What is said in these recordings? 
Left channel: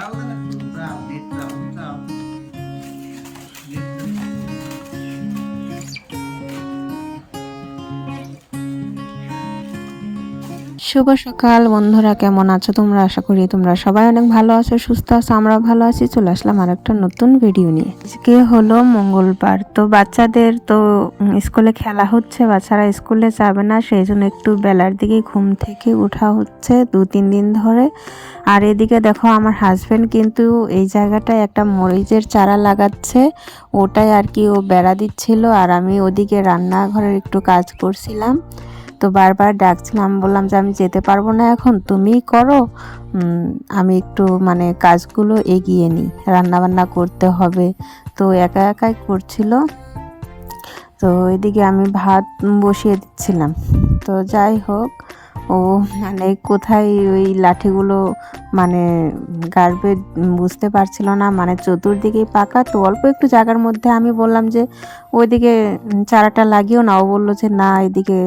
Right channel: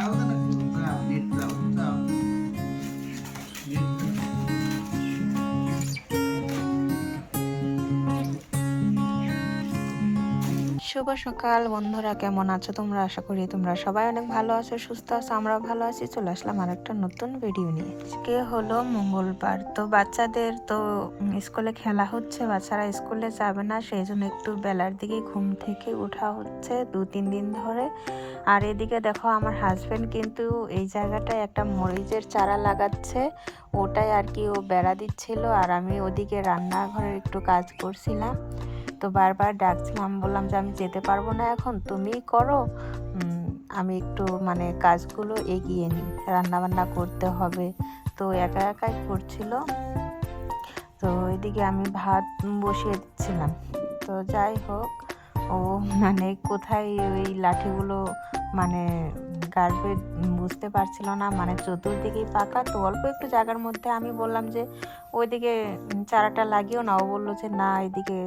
যাও না একটু যাও নেট যাও যাও নেট শুভ সকাল বন্ধুরা, কেমন আছো তোমরা? আশা করি তোমরা সবাই অনেক ভালো আছো, সুস্থ আছো। আমরা ভালো আছি। চলে আসলাম আর একটা নতুন ভিডিও নিয়ে। আজকে হলো মঙ্গলবার, তো বাচ্চাদের তো স্কুলে খেলা হচ্ছে, বাচ্চারা স্কুলে যাবে না, সেই জন্য একটু বেলার দিকে ঘুম থেকে ওঠা হচ্ছে 2-3 দিন ধরে। আর এদিকে দেখো আমার হাজবেন্ড কিন্তু এই জায়গাটায় একটা মরিচের চারা লাগাচ্ছে, ওটাই আর কি ও বেড়া দিচ্ছিল, আর আমি ওদিকে রান্নাঘরের একটু কাজ করছিলাম। তো বারবার ডাকছিলাম, বললাম যে আমি যেতে পারবো না এখন, তুমিই করো, আমি একটু মানে কাজগুলো এগিয়ে নিই, রান্নাবান্না করতে হবে। তো একা একাই করছিল। তো এদিকে আমি ভাত বসিয়ে দিচ্ছিলাম। তো যাই হোক, ও মানে কোথায় ওই লাঠিগুলো মানে গাড়বে বুঝতে পারছিল না, মানে চতুর্দিকেই পাকা, তো অল্প একটু জায়গার মধ্যে আমি বললাম যে ওইদিকে চারাটা লাগিও না। ও বললো যে না, এদিকে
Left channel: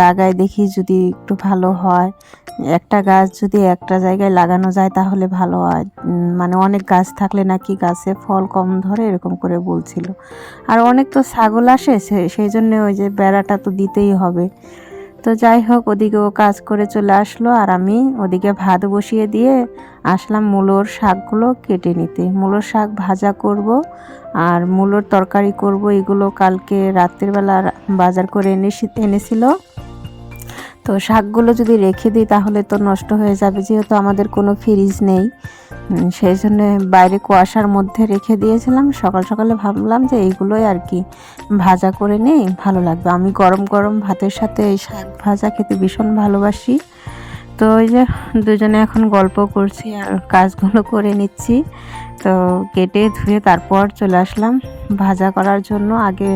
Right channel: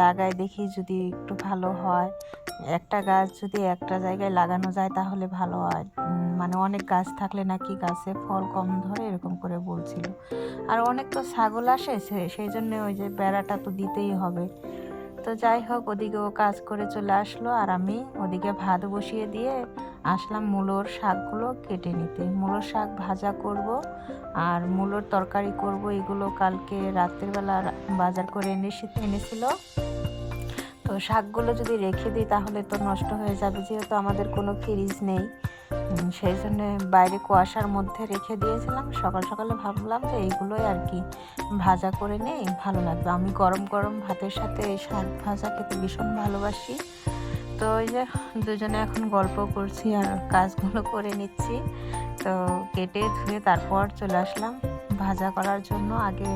লাগাই দেখি যদি একটু ভালো হয়, একটা গাছ যদি একটা জায়গায় লাগানো যায় তাহলে ভালো হয়, মানে অনেক গাছ থাকলে নাকি গাছে ফল কম ধরে, এরকম করে বলছিল। আর অনেক তো ছাগল আসে, সেই জন্য ওই যে বেড়াটা তো দিতেই হবে। তো যাই হোক, ওদিকে ও কাজ করে চলে আসলো, আর আমি ওদিকে ভাত বসিয়ে দিয়ে আসলাম মূলোর শাকগুলো কেটে নিতে। মূলোর শাক ভাজা করব আর মূলোর তরকারি করব। এগুলো কালকে রাত্রের বেলা বাজার করে এনেছিল। তো শাকগুলো যদি রেখে দিই তাহলে তো নষ্ট হয়ে যাবে, যেহেতু আমাদের কোনো ফ্রিজ নেই। সেই জন্য বাইরে কুয়াশার মধ্যে রেখে দিয়েছিলাম। সকাল সকালে ভাবলাম যে এইগুলোই আর কি ভাজা করে নেই, ভালো লাগবে। আমি গরম গরম ভাতের সাথে এই শাক ভাজা খেতে ভীষণ ভালোবাসি। তো ওই যে দুজনে এখন গল্প করছি আর কাজগুলো করে নিচ্ছি। তো কেটে ধুয়ে তারপর চলে আসলাম ভাজা করার জন্য। আগে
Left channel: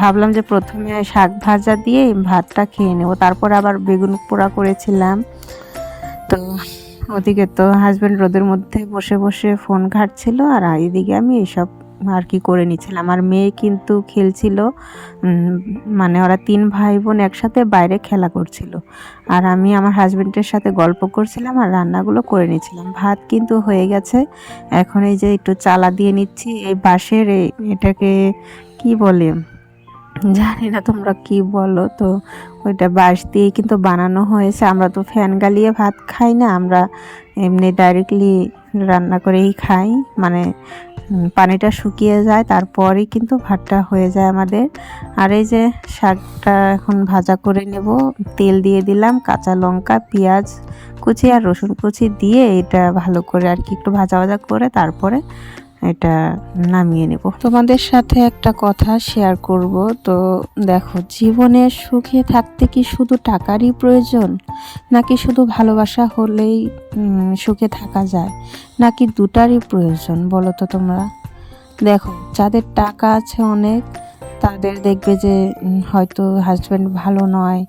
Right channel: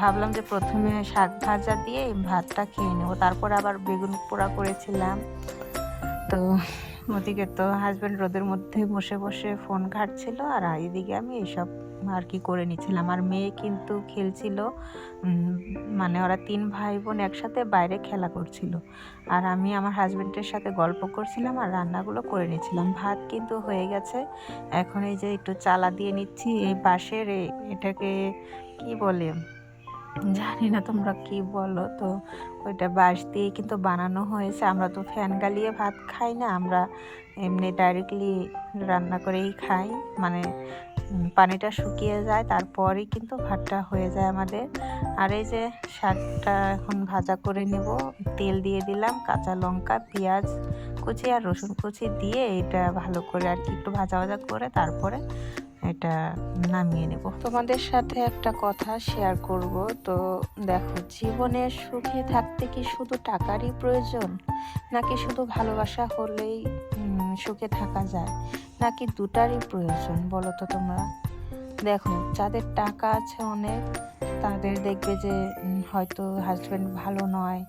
ভাবলাম যে প্রথমে শাক ভাজা দিয়ে ভাতটা খেয়ে নেব, তারপর আবার বেগুন পোড়া করেছিলাম। তো ওদিকে তো হাজব্যান্ড রোদের মধ্যে বসে বসে ফোন ঘাঁটছিল, আর এদিকে আমি এইসব আর কি করে নিচ্ছিলাম। আর মেয়ে কিন্তু খেলছিল, মানে ওরা 3 ভাই বোন একসাথে বাইরে খেলা করছিল, আর আমি আমার হাজব্যান্ডের সাথে গল্প করছিলাম আর রান্নাগুলো করে নিচ্ছিলাম। ভাত কিন্তু হয়ে গেছে, এখন এই যে একটু চালা দিয়ে নিচ্ছি। এই বাঁশের এটাকে কি বলে জানি না, তোমরা কি বলো। তো ওইটা বাঁশ দিয়ে কিন্তু বানানো হয়েছে। আমরা তো ফ্যান গালিয়ে ভাত খাই না, আমরা এমনি ডাইরেক্টলি রান্না করেই খাই, মানে পানিটা শুকিয়ে যায় তারপরেই কিন্তু ভাতটা হয়ে যায় আমাদের। আর এই যে শাকটা এখন ভাজা করে নেব। তেল দিয়ে দিলাম, কাঁচা লঙ্কা, পেঁয়াজ কুচি আর রসুন কুচি দিয়ে এটা ভালো করে আর কি একটু ভাজা ভাজা করে তারপরে এটা নামিয়ে নেব। তোমাদের সাথে একটা কথা শেয়ার করব। তো দেখো, জীবনে সুখে থাকতে কি শুধু টাকারই প্রয়োজন, নাকি শুধু ভালোবাসা হলেই সুখে থাকা যায়, নাকি দুটারই প্রয়োজন বলো তো তোমরা? দেখো, যাদের টাকা আছে অনেক, তাদের দেখবে যে হয়তো হাজব্যান্ড ভালো নয়,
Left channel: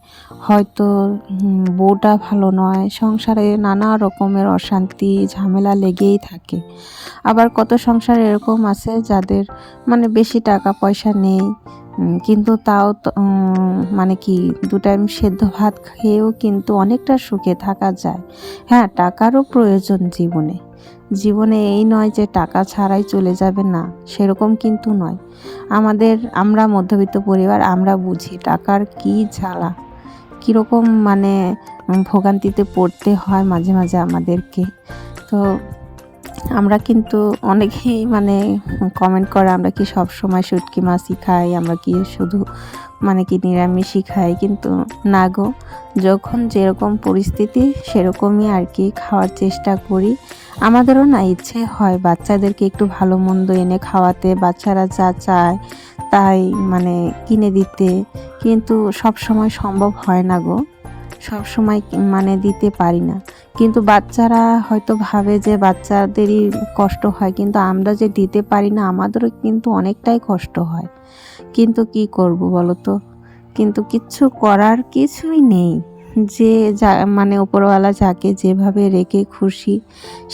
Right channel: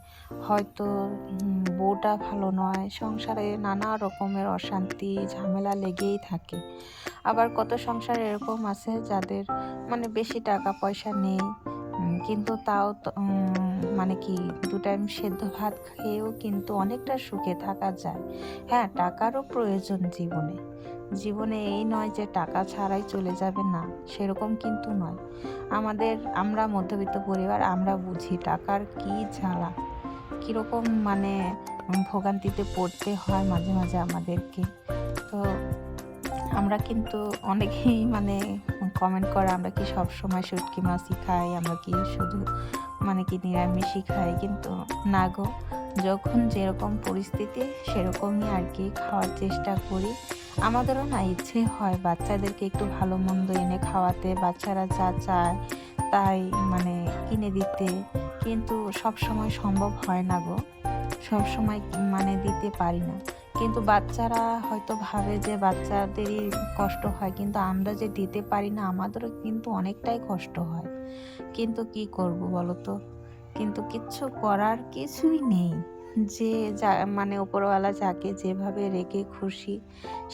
হয়তো বউটা ভালো নয়, সংসারে নানা রকমের অশান্তি ঝামেলা লেগেই থাকে। আবার কত সংসার এরকম আছে যাদের মানে বেশি টাকা পয়সা নেই, কিন্তু তাও মানে কি 2 টাইম সেদ্ধ ভাত খেয়েও কিন্তু অনেকটা সুখে থাকা যায়। হ্যাঁ, টাকারও প্রয়োজন জীবনে। জীবনে এই নয় যে টাকা ছাড়াই চলে যাবে, না, সেরকম কিন্তু নয়। আমরা মধ্যবিত্ত পরিবার, আমরা বুঝি টাকার কি জ্বালা, কীরকম মানে ভোগান্তিতে পড়তে হয় মাঝে মাঝে আমাদেরকে। তো আমরা কিন্তু অনেকেই মানে কমেন্ট করে, আমরা কি সব সময় শুটকি মাছই খাই, আমরা কি শুধু মানে কি নিরামিষই খাই, কিন্তু না গো, যখন যেরকম পরিস্থিতি সেরকমই আর কি খাওয়ার চেষ্টা করি। আমাদেরও না ইচ্ছে হয় বাচ্চাদেরকে একটু ভালো মন্দ এনে খাওয়াতে, বাচ্চারা যা চায় তাই মানে কিনে দিতে, কিন্তু সব সময় সম্ভব হয় না গো, সব সময় মানে দিতে পারি না। কিন্তু বাচ্চারা হয়তো ভাবে যে বাচ্চাদেরই কষ্ট হয়, কিন্তু আমরা যে দিতে পারি না আমাদেরও কিন্তু অনেকটাই কষ্ট হয়। কিন্তু কি করব বলো তো? কিন্তু কিচ্ছু করার কিছুই নেই। যে যা মানে উপরওয়ালা যাকে যেভাবে রেখে খুশি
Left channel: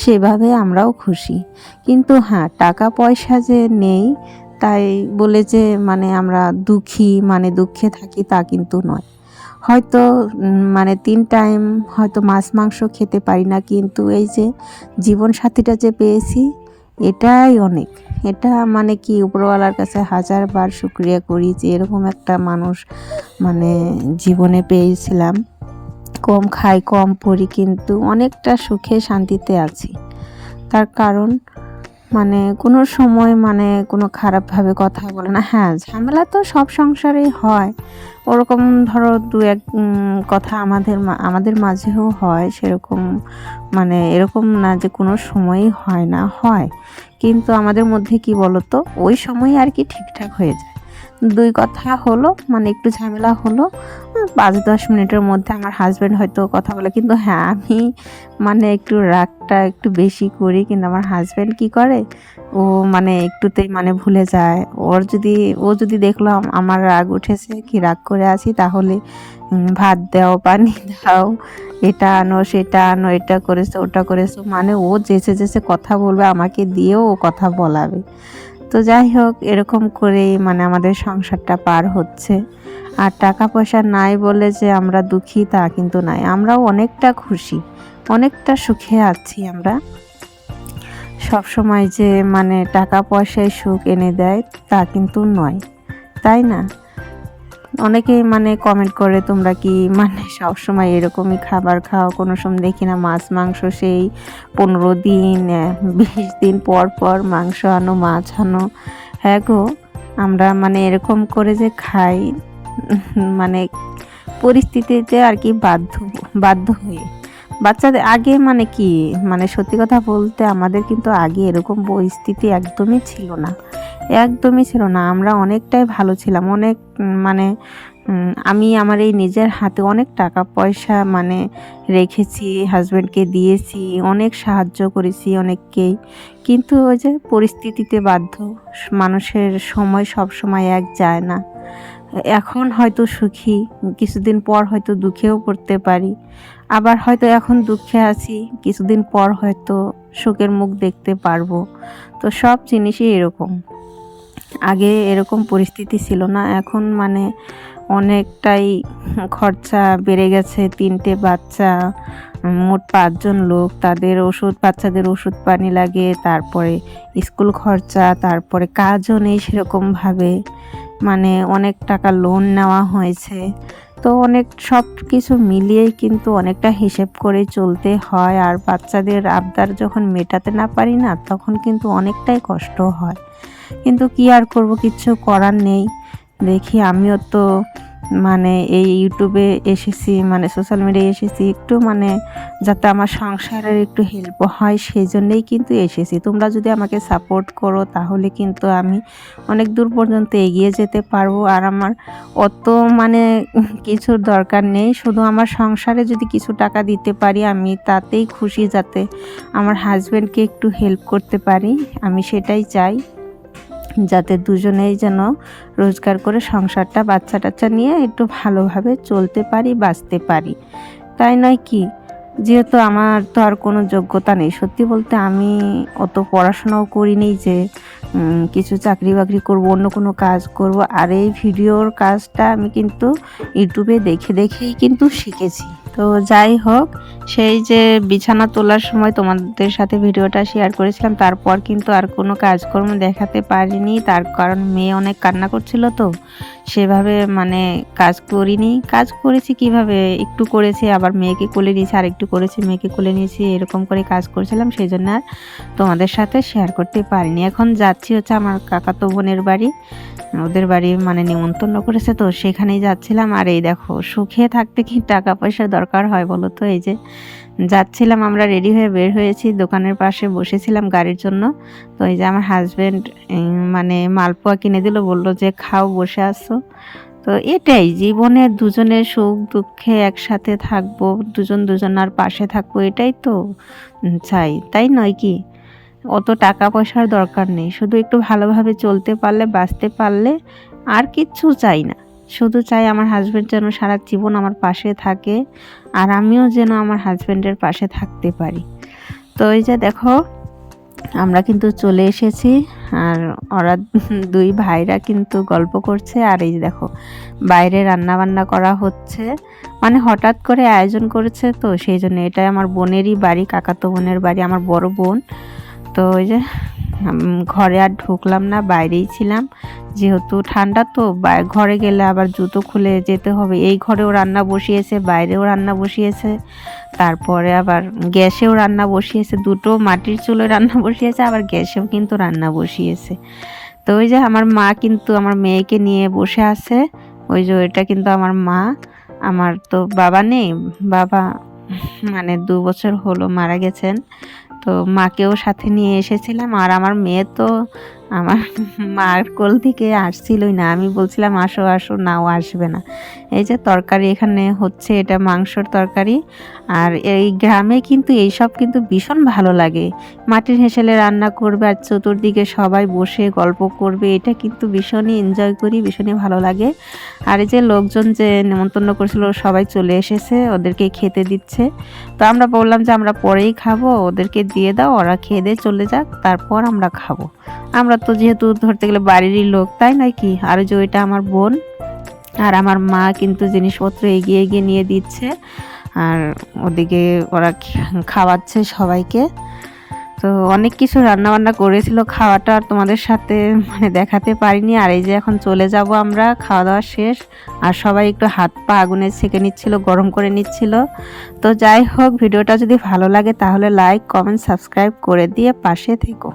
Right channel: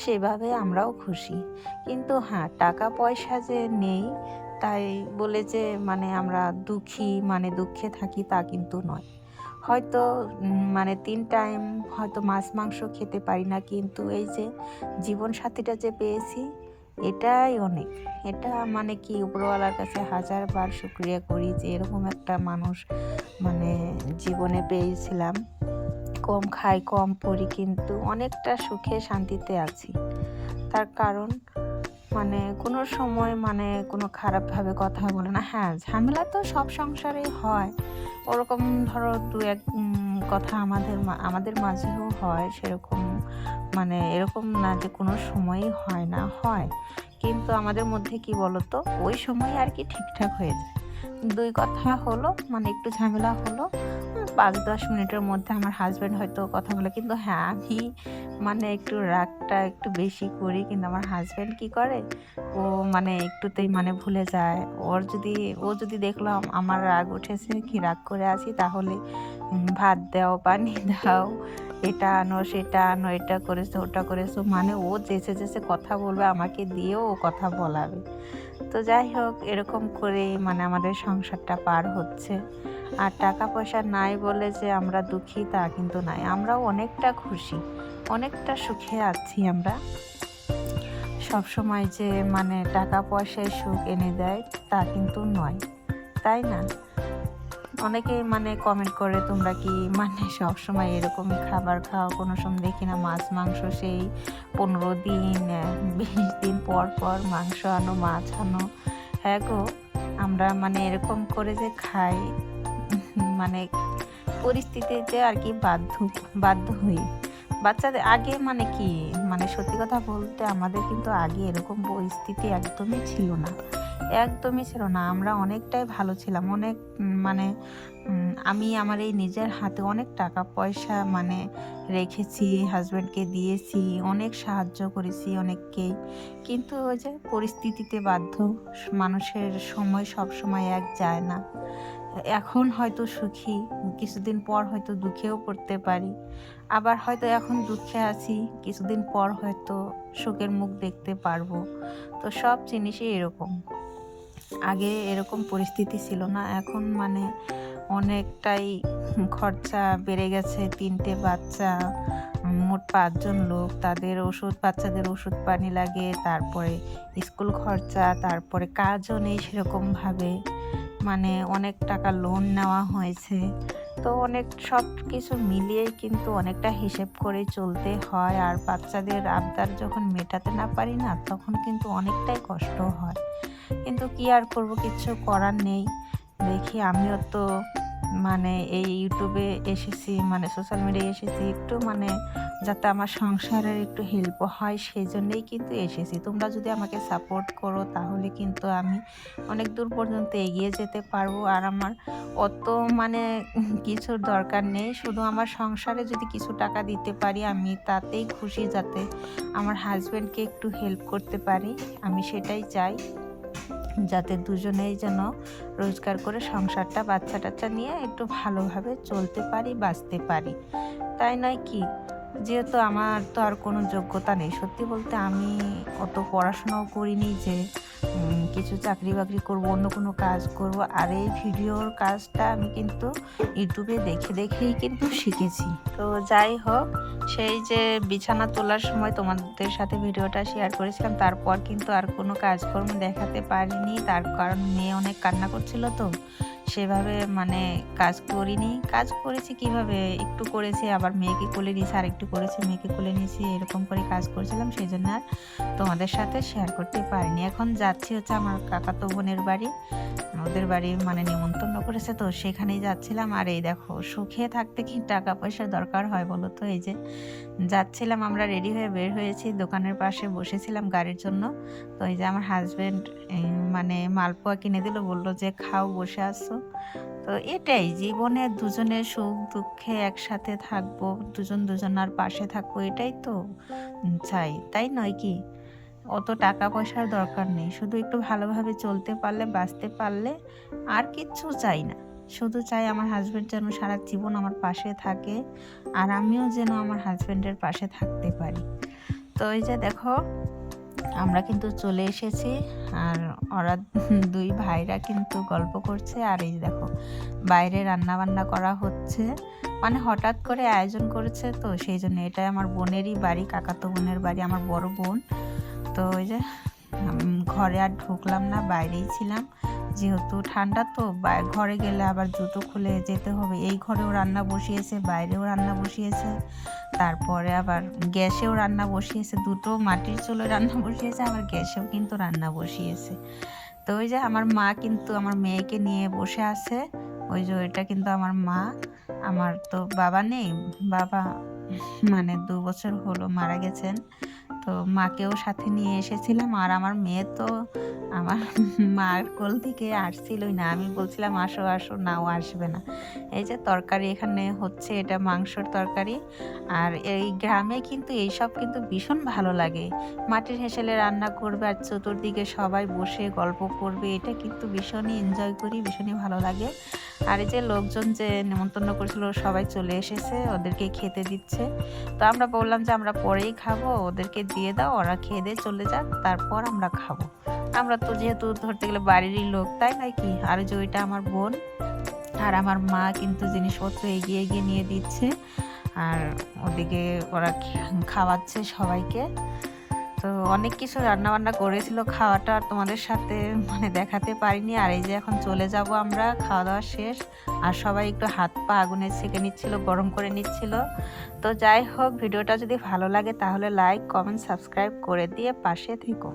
সেভাবে আমরাও খুশি। কিন্তু হ্যাঁ, টাকা পয়সা যে নেই তাই বলে যে মানে আমরা দুঃখী, মানে দুঃখে থাকি তা কিন্তু নয়। হয়তো মানে 3 টাইম হয়তো মাছ মাংস খেতে পারি না, কিন্তু এই যে জীবনসাথীটা যে পেয়েছি এটাই অনেক। এটা মানে কি উপরওয়ালার কাছে হাজারবার শুকরিয়া করি যে এরকম একটা মানুষ মানে জীবনে পেয়েছিলাম। কম খাই কম পরি কিন্তু অনেকটা সুখে শান্তিতে আছি। তার কারণ মানে কোনো সময় মানে কোনো খারাপভাবে কথা বলে না। হ্যাঁ, ঝামেলা তো সব সংসারেই হয়, ওরকম ধরো দু এক কথা আমাদের মাঝেও হয়, সেরকম মানে এরকম না যে কোনো সময়ই হয় না, হয়, কিন্তু আমাদের মধ্যে কি বলতো ওই সময় আর কি ঠিকঠাক হয়ে যায়। 2 কথা হলো মানে একটু ঝামেলা হলো, 5-10 মিনিটের মধ্যে আমার হাজব্যান্ড হয়তো কথা বলে, কিন্তু হ্যাঁ আমি মানে একটু রাগটা একটু বেশি করি, কিন্তু আমার হাজব্যান্ড কি করে ও মানে একটুতেই মানে ভুলে যায়। ও যদি দেখলো আমার রাগ উঠেছে কি রাগ করে আছি, তাহলে ভাত দাও, পানি দাও, এটা আনো সেটা আনো, এটা করেছো ওটা করেছো, মানে ও যেচে কথা বলবে, আমাকে দিয়েও ও কথা বলাবে। তো যাই হোক, এরকম করেই মানে আমাদের সংসারটা পার হচ্ছে। আর টাকা পয়সা নাই বলে যে আমরা দুঃখী তা কিন্তু নাই, আমরাও অনেকটা খুশি, অনেকটা সুখে আছি আমরা। সব সময় যে মানে টাকা পয়সায় সুখ এনে দেয় তা কিন্তু নয়, তাই না? অনেকেই মানে কমেন্ট করে তোমরা কি মানে সব সময় এরকমই খাবার খাও, কোনো সময় দেখি না মাছ মাংস সেই 15 দিন 20 দিন পর পর মাংস আনো মাছ আনো। হ্যাঁ গো, আমরা মানে এরকম করে যে খাই মানে পরিস্থিতিতে আর কি বাধ্য হয়ে। বাচ্চাদের আগে মানে কি মানে সত্যি কথা বলতে আমাদের কিন্তু আগে এরকম পরিস্থিতি একদমই ছিল না। আমরা অনেকটাই ভালো ছিলাম, অনেক মানে আমি আমার এই নিজের হাতে অনেক টাকা পয়সা মানে রেখেছি, হাজব্যান্ডকে দিয়েছি, অনেক সাহায্য করেছি অনেককেই, কিন্তু ওই যে পরিস্থিতিতে বাধ্য, মানুষের সময় সব সময় এক যায় না। এখন হয়তো সুখী, কিছুদিন পর হয়তো দুঃখেও পড়তে পারি, আবার হয়তো এখন দুঃখে আছি, কিছুদিন পর হয়তো সুখের মুখ দেখতে পারবো। তো সব জিনিসই এরকম, আগে এরকম পরিস্থিতি ছিল না, এখন মানে অনেকটাই খরচা বেড়ে গেছে। 3টে বাচ্চা, মোট 5 জন লোক, তাদের বাচ্চাদের ওষুধ পানি লাগে, তারপরে স্কুল খরচা, তারপরে কাজও নেই সেরকমভাবে, মানে অনেক টাকা লোন নেওয়া হয়েছে। তো অনেক সব কিছু মিলিয়েই কিন্তু অনেকটা হিসেব করে চলতে হয়। আর বাচ্চাদের আবদার যখন মেটাতে না পারি না, তখন কিন্তু অনেকটাই কষ্ট হয়, কিন্তু কি আর করব, কিচ্ছু করার নেই। দেখি আমিও তো মানে এই ইউটিউবে এসেছি, মানে সোশ্যাল মিডিয়ায় এসেছি একটু মানে যাতে আমার সংসারের একটু হেল্প হয়, সেই জন্যেই কিন্তু এসেছি। তোমরা যদি আমাকে সাপোর্ট করো তাহলে কিন্তু আমি অনেক দূর পর্যন্ত এগিয়ে যেতে পারবো। আর আমার অত মানে কিছুর দরকার নেই, শুধু আমার সংসারে যদি কিছু টাকা দিতে পারি আমি তাতেই খুশি, যাতে আমার হাজব্যান্ডকে একটু হেল্প করতে পারি, আমি সেটাই চাই, যাতে দুজনেই যেন রোজগার করে সংসারটা বাচ্চা টাচ্চা নিয়ে একটু ভালোভাবে চলতে পারি, বাঁচতে পারি, তাই নয় কি? যেহেতু আমার তো আর কোনো যোগ্যতা নেই, সত্যি বলতে আমি অত পড়াশোনাও করিনি যে কিছু চাকরি বাকরি করব, অন্য কোনো কাজ করব। আর এই ভিডিওর কাজটা আমি কিন্তু ইউটিউবে দেখেই কিন্তু শিখেছি। তো যাই হোক, সেই যে বিছানা তোলার সময় তোমাদের সাথে ভিডিওটা শেয়ার করেছিলাম, তারপর কিন্তু আর কোনো কাজকর্ম দেখাতে পারিনি, তার কারণ মেয়ে অনেক কান্না করছিল, তো সেভাবে মানে কাজ করিনি। কাজ করেছি কিভাবে, একটু করেছি, আবার মেয়েকে কোলে নিয়েছি, আর একটু করেছি, মেয়েকে কোলে নিয়েছি, এরকম করে কাজ করেছিলাম, সেই জন্য আর তোমাদের সাথে শেয়ার করতে পারিনি। এখন যাচ্ছি হচ্ছে আমার কাকাতো বোনের বাড়ি, ওদের বাড়ি মানে নিমন্ত্রণ করেছে, তো সেখানেই যাচ্ছিলাম। আর এই দেখো, সুখে থাকতে কি টাকা পয়সার দরকার হয় বলো তো? এই যে যাচ্ছিলাম, আমরা রেডি হয়ে বের হয়েছি, দোকানের পাশে বসেছিলাম গাড়ির জন্য। তো এই যে আমার হাজব্যান্ড মানে মালপোয়া কিনে দিল, বললো যে খাও, বসে আসো। তো এটাই জীবনে, দুজনের সুখ দুঃখে একসাথে থাকবো, দুজনার পাশে থাকবো, এটাই তো চাই, তাই নয় কি? অত টাকা পয়সার দরকার নেই, শুধু একটু ভালোভাবে চলতে পারলে, বাঁচতে পারলে, আর কিচ্ছু চাই না। শুধু চাই আমার হাজব্যান্ড যেন সারা জীবন আমার পাশে থাকে, আর আমিও যেন আমার হাজব্যান্ডের পাশে থাকতে পারি। তো এই যে দেখো, আমরা কিন্তু চলে এসেছি। আর ওরা দুই ভাইরা কিন্তু গল্প করছে। আর এই দেখো বাইরে রান্না বান্না করা হচ্ছে, মানে হঠাৎ করে আয়োজন করেছে তো সেই জন্য। এটা আমার বোনেরই বাড়ি, কাকাতো বোনের বাড়ি, আমার বড় বোন। তো ওই যে ঘরে আর ঢুকলাম না, বাইরেই ছিলাম, যেহেতু ঠান্ডা তো ঘরে গেলে আবার জুতো খুলে যেতে হবে। এই ঘরেও রান্না বসিয়েছে, বাইরেও রান্না বসিয়েছে, তারপরে আবার গ্যাসেও রান্না বসিয়েছে, দুটো মাটির চুলোয় রান্না বসিয়েছে, আবার গ্যাসেও কিন্তু রান্না বসিয়েছে। তো ওই যে আমার মা কিন্তু আমার মেয়েকে নিয়ে বসে আছে। ওই যে এটা কিন্তু আমার মা। আমার তো বাবা নেই, বাবা মানে 2 বছর হলো মারা গেছেন। তো মাকেও সাথে নিয়ে এসেছিলাম। আর আমার মেয়ে তো আমার মার কোল থেকে আসছিলই না, আমি বলছিলাম আসো আসো, নাও আসবে না। এই যে তরকারি এখানে হচ্ছে, এটা মাংসর তরকারি। আর এই গ্রামে কিন্তু এইসব কিন্তু ভীষণ ভালো লাগে, মাটির হেঁসেলে রান্না করবে আর চতুর্দিকে সবাই বসে গল্প করবে, এটা কিন্তু ভীষণই এনজয় করি, ভীষণই ভালো লাগে। আর এই যে লোকজন যে নেমন্তন্ন করেছিল সবাই চলে এসেছে, ওদেরকে খেতে দিচ্ছে। তো আমরা বললাম যে আমরা পরেই খাবো, ওদেরকে দিয়ে দাও, ওরা খেয়ে দিয়ে চলে যাক, তারপর আমরা খাবো। আমরা তো যেহেতু ধরতে গেলে বাড়িরই লোক, তাই নয় কি। আর যে ওইটা আমার বোন আর আমার মা কিন্তু জিনিসপত্র এগিয়ে এগিয়ে নিয়ে দিচ্ছে, আর ওদিকে ওরা খাওয়াচ্ছে সবাইকে। তো অনেক কিছু রান্না বান্না করেছিল, খাওয়াটা আর তোমাদের সাথে মানে দেখাতে পারিনি। আর এই যে এখন চলে যাব আমরা, খাওয়া দাওয়া শেষ। আর সবাই একটু হাত পা আগুনে সেঁকে নিচ্ছিল, গরম করে নিচ্ছিল। তো যাই হোক, ভিডিওটা যদি ভালো লাগে তাহলে লাইক কমেন্ট সাবস্ক্রাইব করে দিয়ে পাশে থেকো।